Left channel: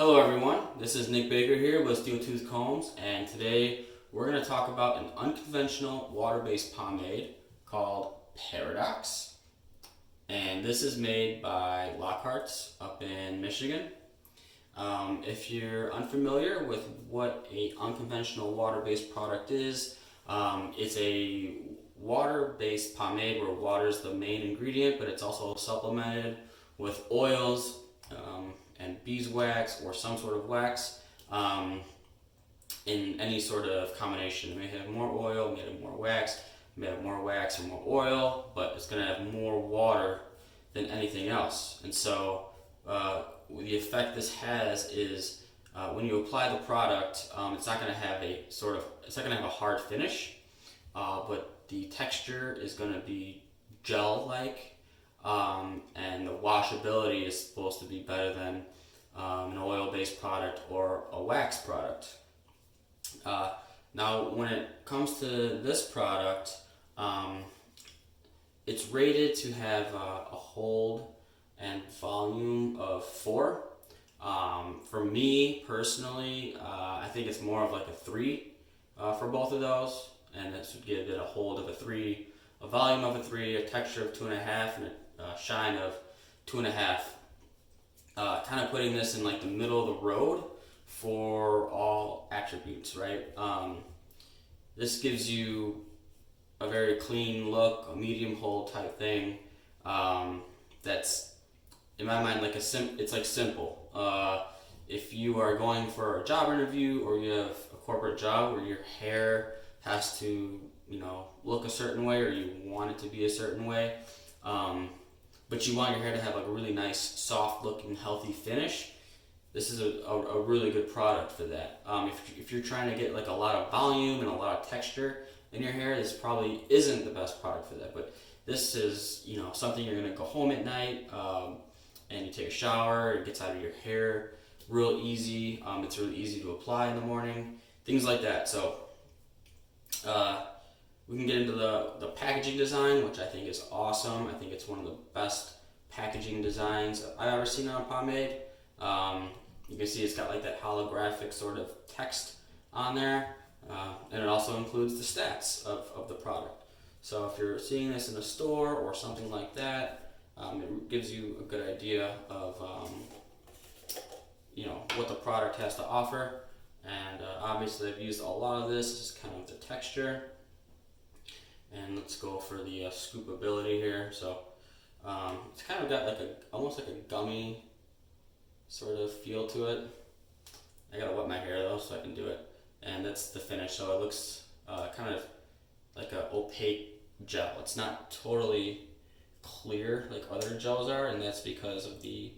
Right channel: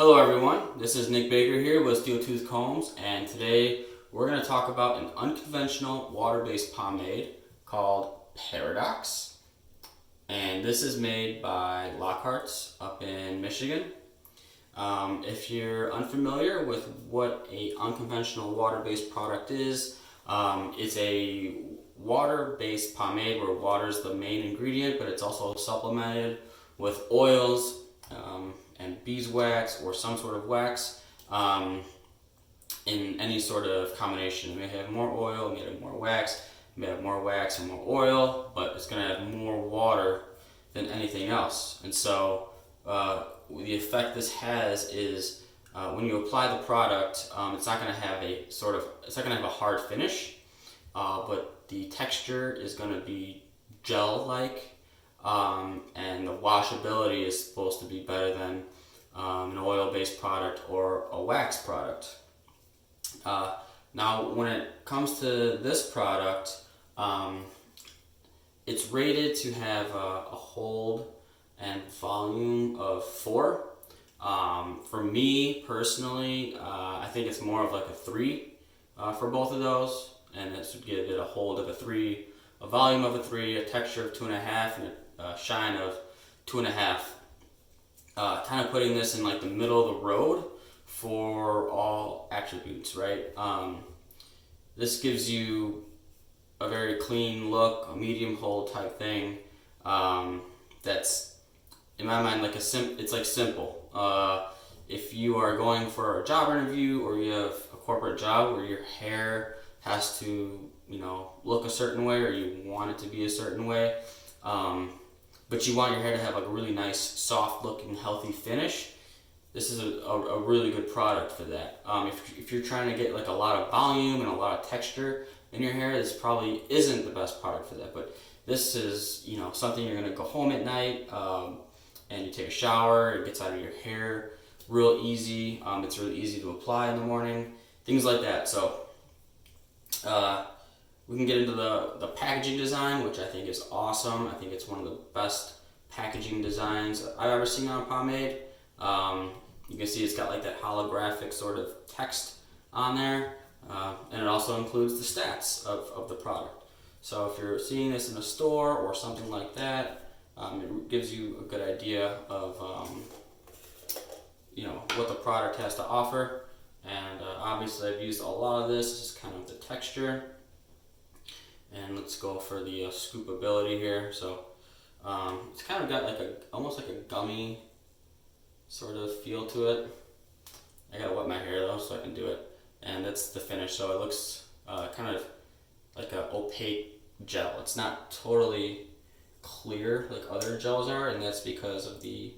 Hello everyone, this is Nick Baker here with Steeltooth Combs, and today we're going to talk about an unconventional water-based pomade called Paradox. And this is made by Lockhart up in Michigan. If you're unfamiliar with what an unconventional water-based product is, it's a water-based pomade where water is the main ingredient, but it's also supplemented with oils, and beeswax or some sort of wax in any sort of combination. It may have more oil, it may have more wax, it may have more wax and more oil, but it's going to have more water than anything else. And so the effect this has is when you apply the product, it's not going to have it's not going to have a hard finish, but the texture is going to be gel-like. And the washability is supposed to be better than an oil-based product or a wax product. Now, when it comes to this product, it's rated to have a hold and volume of 4. For me personally, I think it's more of like a 3 for both of those, and this would give it a hold of a 3, a volume of a 3, a texture of 2.5, and a shine of 2.5. Kind of putting this in like the middle of the road for all attributes, right? This gives you a very clean look, a medium hold type thing. That's in my mind like it's like simple. If you are going for a job interview or you have a corporate job where your hair has to, look a certain way, or you want it to be a certain way, but you want your hair to have like a really nice, soft looking, healthy finish, this is a really good product for that. If you're trying to get like a lot of volume and a lot of texture in your hair, this probably isn't the best product for that. But this is, something you're gonna go home at night, and you take a shower, it gets out of your hair real easy. It's really easy to apply in the morning, things like that. So we can get into the packaging design, which I think is awesome. I think it's one of the best packaging designs I've ever seen on a pomade. You can see it's got like that holographic sort of text on there, and it also includes the stats of the product. So if you're seeing this in a store or something like that, it gives you a good idea of what the product has to offer. And obviously I've used a lot of this. This is kind of the texture. And let's go for the scoopability here. So it's kind of got like almost like a gummy sort of feel to it. I gotta wet my hair though so I can do it. And that's the finish. So it looks kind of like an opaque gel. It's not totally clear like other gels are, and that's because of the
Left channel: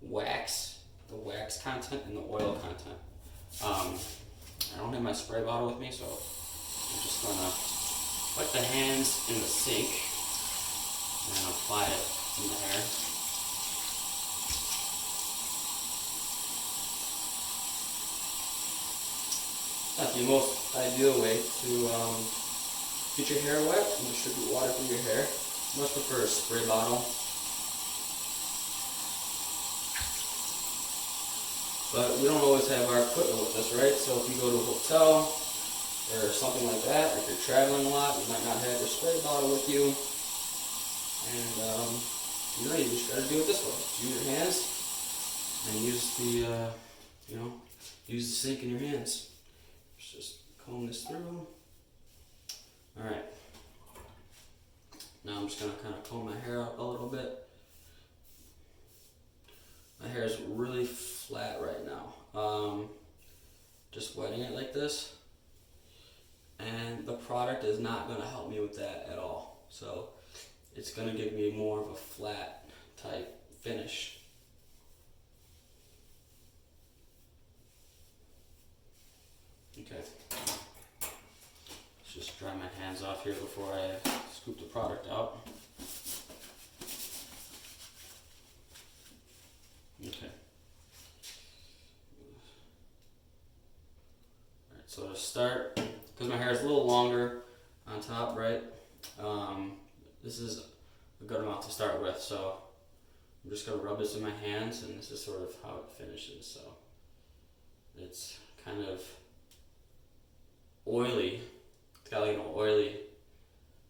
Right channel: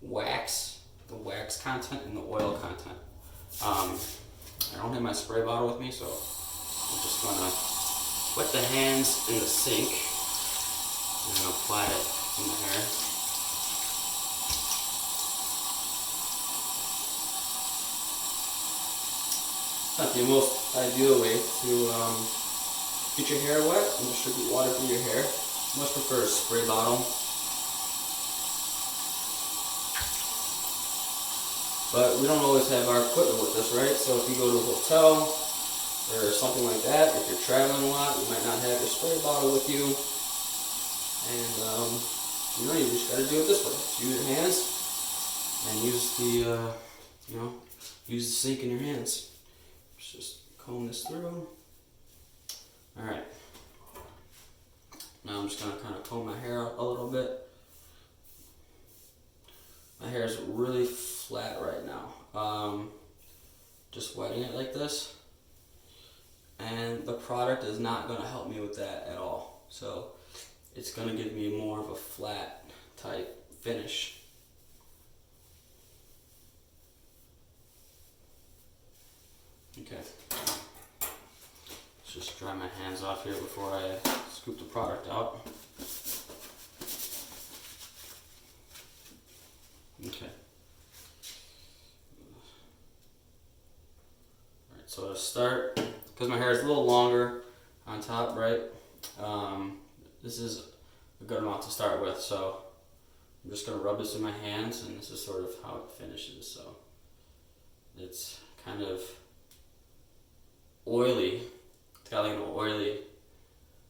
wax content and the oil content. I don't have my spray bottle with me, so I'm just gonna wet the hands in the sink and then apply it in the hair. Not the most ideal way to get your hair wet and distribute water through your hair. I much prefer a spray bottle. But we don't always have our equipment with us, right? So if you go to a hotel or something like that, if you're traveling a lot, you might not have your spray bottle with you. And, you just gotta do it this way. Use your hands and use the sink in your hands. Just comb this through. Alright. Now I'm just gonna kind of comb my hair out a little bit. My hair is really flat right now. Just wetting it like this. And the product is not going to help me with that at all. So it's going to give me more of a flat type finish. Okay. Let's just dry my hands off here before I scoop the product out. Okay. Alright, so to start, because my hair is a little longer on top, right? This is a good amount to start with, so I'm just going to rub this in my hands, and this is sort of how it finishes. So It's kind of oily. It's got like an oily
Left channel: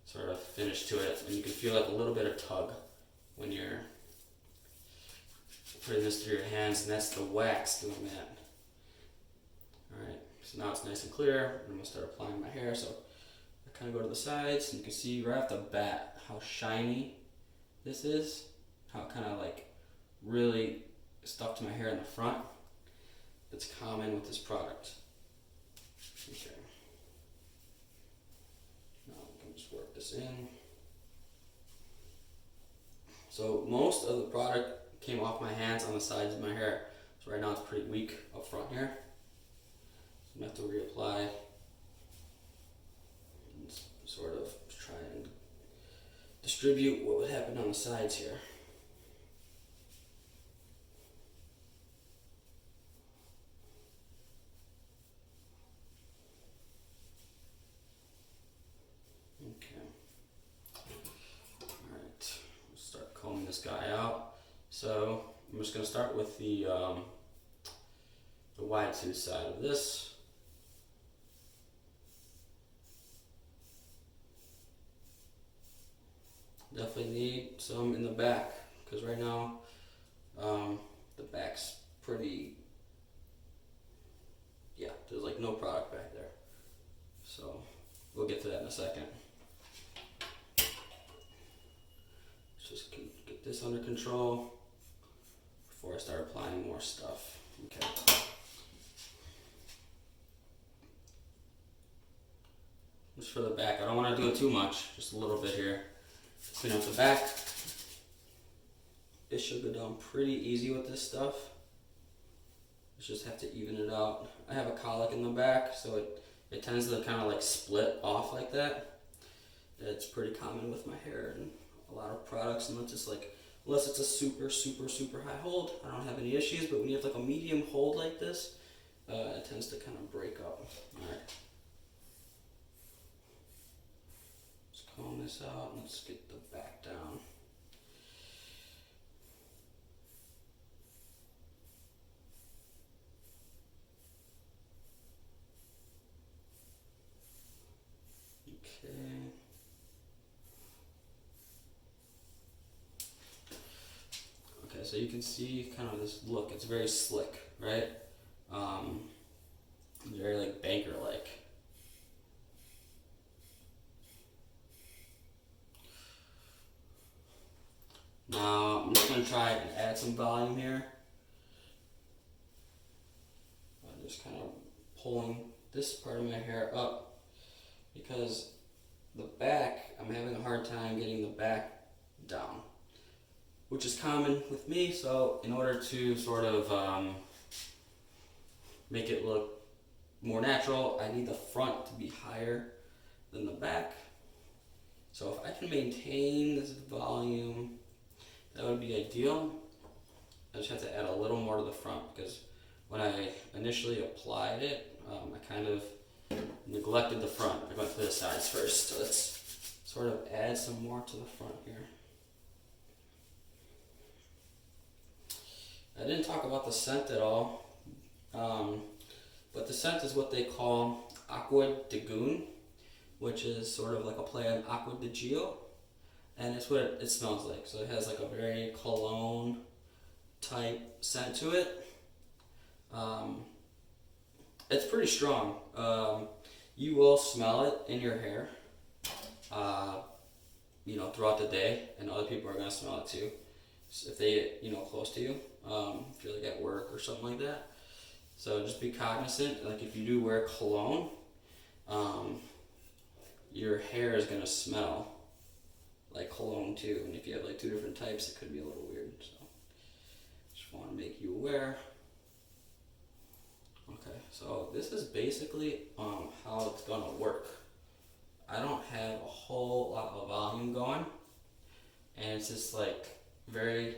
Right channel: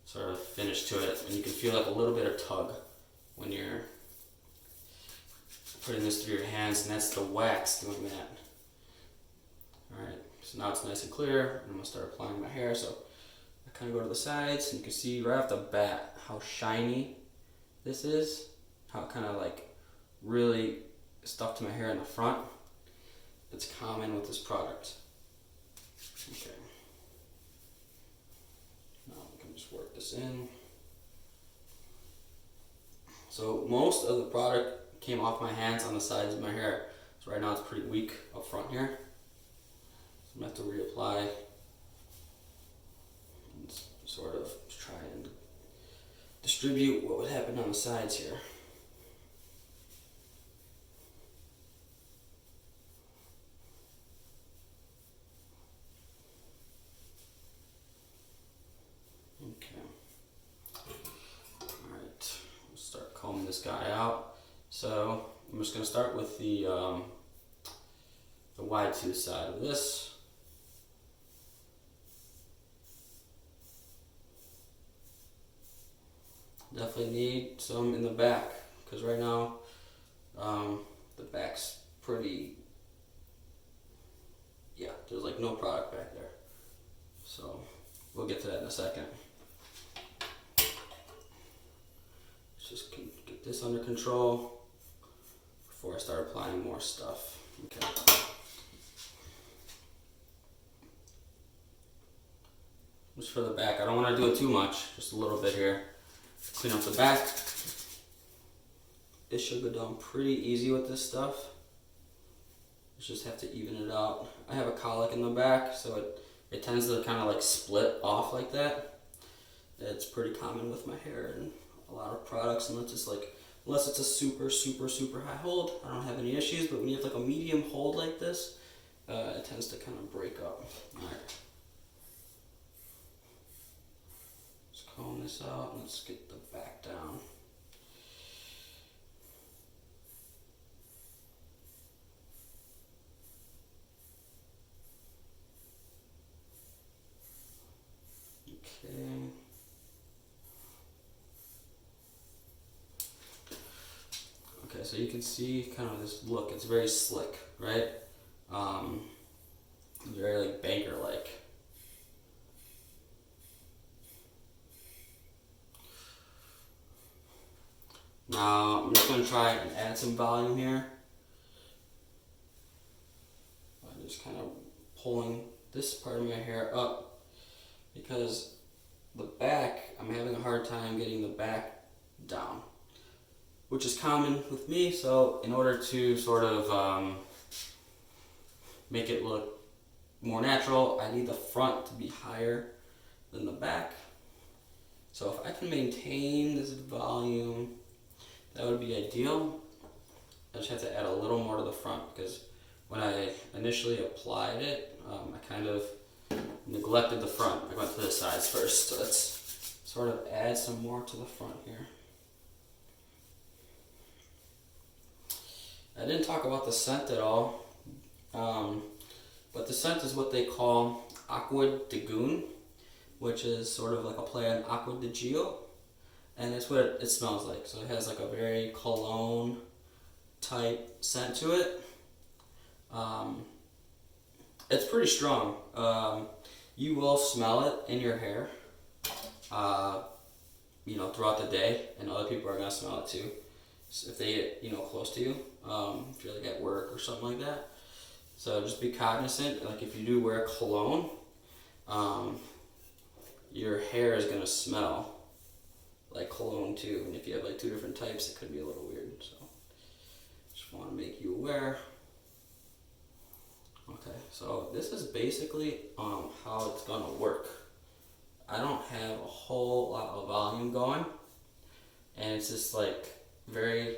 sort of finish to it, and you can feel like a little bit of tug when you're putting this through your hands, and that's the wax doing that. Alright, so now it's nice and clear. I'm going to start applying my hair. So I kind of go to the sides, and you can see right off the bat how shiny this is, how it kind of like really stuck to my hair in the front. It's common with this product. Okay. Now we can just work this in. So most of the product came off my hands on the sides of my hair. So right now it's pretty weak up front here. So I'm going to have to reapply and sort of try and distribute what would happen on the sides here. Combing this guy out. So I'm just going to start with the wide tooth side of this. Definitely need some in the back, because right now the back's pretty, yeah, there's like no product back there. So we'll get to that in a second. Just get this under control before I start applying more stuff. Okay. Just for the back, I don't want to do it too much, just a little bit here. Clean up the back. It should go down pretty easy with this stuff. You just have to even it out. I have a colic in the back, so it tends to kind of like split off like that. It's pretty common with my hair and a lot of products, unless it's a super high hold, I don't have any issues. But when you have like a medium hold like this, it tends to kind of break up. All right, let's comb this out and let's get the back down. Okay. Okay, so you can see kind of this look. It's very slick, right? Very like banker-like. Now I'm just going to try and add some volume here. I'm just kind of pulling this part of my hair up, because the back, I'm having a hard time getting the back down, which is common with me. So in order to sort of make it look more natural, I need the front to be higher than the back. So if I can maintain this volume, that would be ideal. I just have to add a little more to the front, because when I initially applied it, I kind of neglected the front. I went to the sides first, so let's sort of add some more to the front here. I didn't talk about the scent at all, but the scent is what they call Aqua Di Goon, which is sort of like a play on Aqua Di Gio, and it's what it smells like. So it has like a very cologne type scent to it. It's pretty strong. You will smell it in your hair, throughout the day, and other people are gonna smell it too. So if they get, close to you, if you're like at work or something like that. So just be cognizant, like if you do wear cologne, your hair is gonna smell like cologne too. And if you have like 2 different types, it could be a little weird. So just want to make you aware. Okay, so this is basically how it's gonna work. I don't have a whole lot of volume going, and it's just like very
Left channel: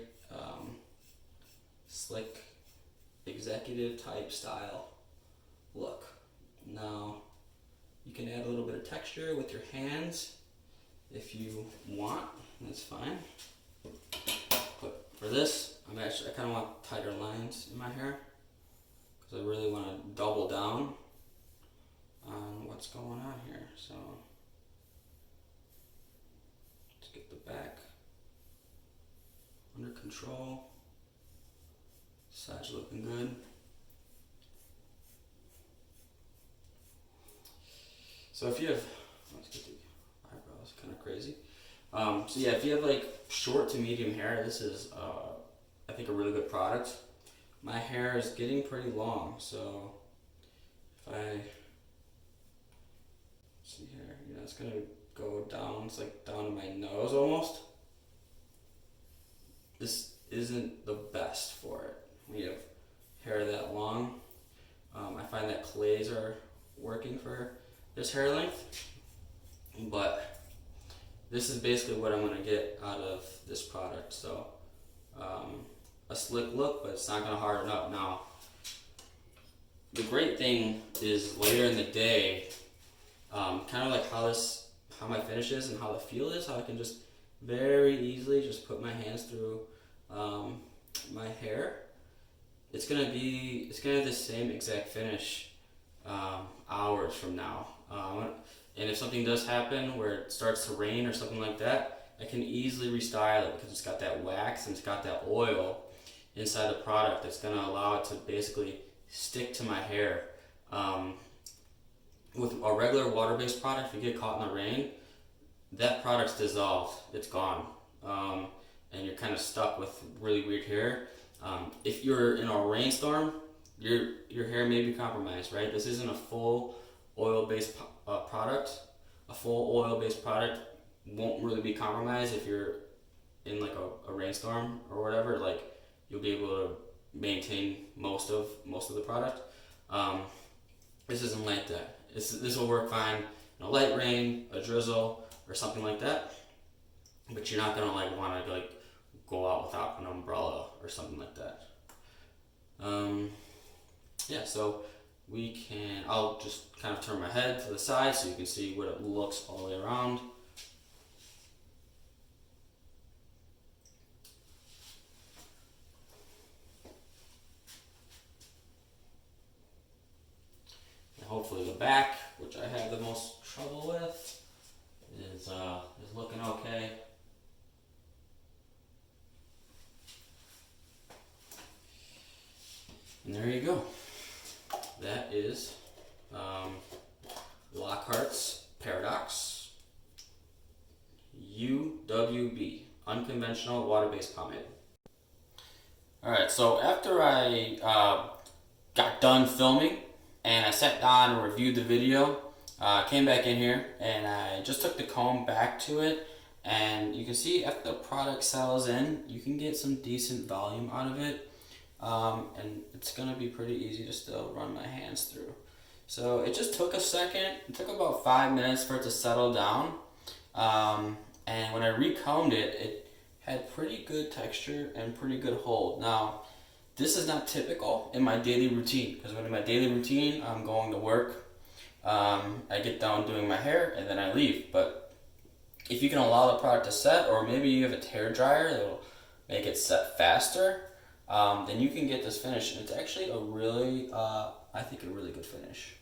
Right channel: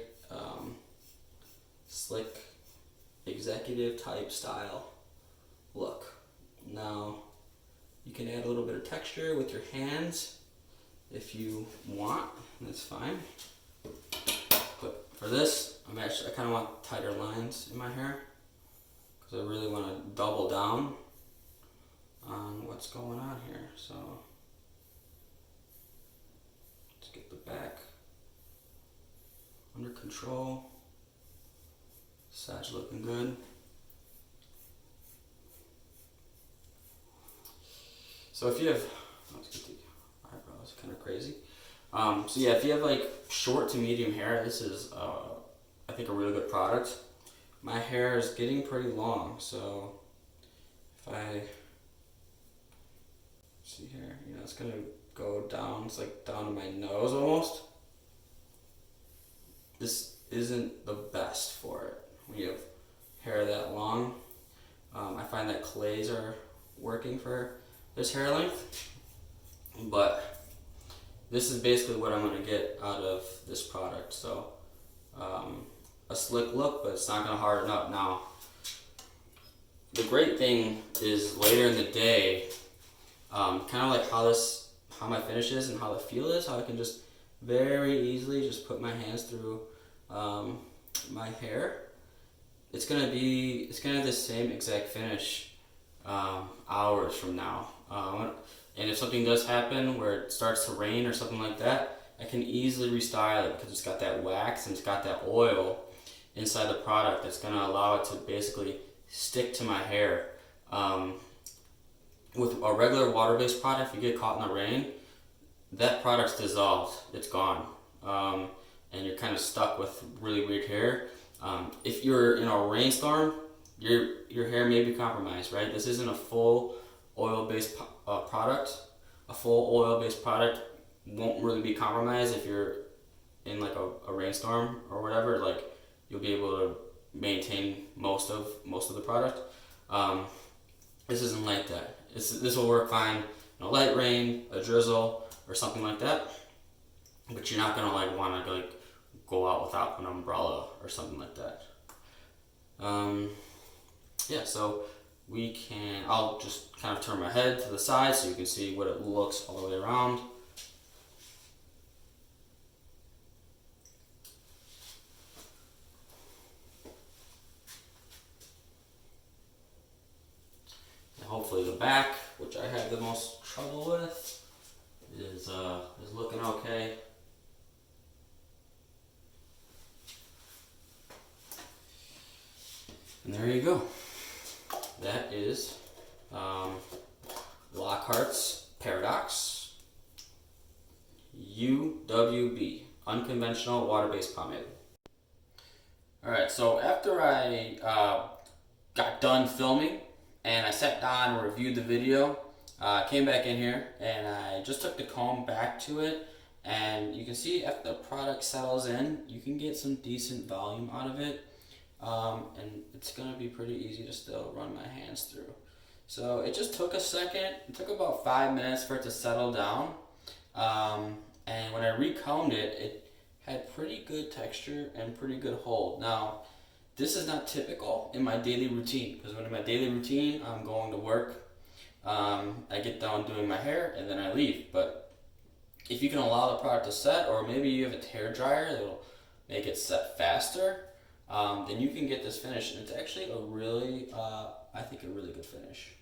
slick executive type style look. Now you can add a little bit of texture with your hands if you want, that's fine. But for this, I kind of want tighter lines in my hair, because I really want to double down on what's going on here. So let's get the back under control. Sides looking good. So if you have, let's get the eyebrows kind of crazy. So yeah, if you have like short to medium hair, this is I think a really good product. My hair is getting pretty long, so if I see here, you know, it's gonna go down. It's like down to my nose almost. This isn't the best for it when you have hair that long. I find that clays are working for this hair length, but this is basically what I'm gonna get out of this product. So a slick look, but it's not gonna harden up. Now, the great thing is later in the day, kind of like how my finish is and how the feel is, how I can just very easily just put my hands through my hair. It's gonna have the same exact finish hours from now. And if something does happen where it starts to rain or something like that, I can easily restyle it because it's got that wax and it's got that oil inside the product that's gonna allow it to basically stick to my hair. With a regular water-based product, if you get caught in the rain, that product's dissolved, it's gone. And you're kind of stuck with really weird hair. If you're in a rainstorm, your hair may be compromised, right? This isn't a full oil-based product. A full oil-based product won't really be compromised if you're in like a rainstorm or whatever. Like, you'll be able to maintain most of the product. This isn't like that. This will work fine in a light rain, a drizzle, or something like that. But you're not gonna like want to like go out without an umbrella or something like that. Yeah, so I'll just kind of turn my head to the side so you can see what it looks all the way around. And hopefully the back, which I have the most trouble with, is looking okay. And there you go. That is Lockhart's Paradox UWB, Unconventional Water-Based Pomade. Alright, so after I got done filming and I sat down and reviewed the video, came back in here and I just took the comb back to it, and you can see after the product settles in, you can get some decent volume out of it. And it's gonna be pretty easy to still run my hands through. So it just took a second. It took about 5 minutes for it to settle down. And when I recombed it, it had pretty good texture and pretty good hold. Now, this is not typical in my daily routine, because when in my daily routine, I'm going to work. I get done doing my hair and then I leave. But if you can allow the product to set, or maybe you have a hair dryer that'll make it set faster, then you can get this finish, and it's actually a really, I think a really good finish.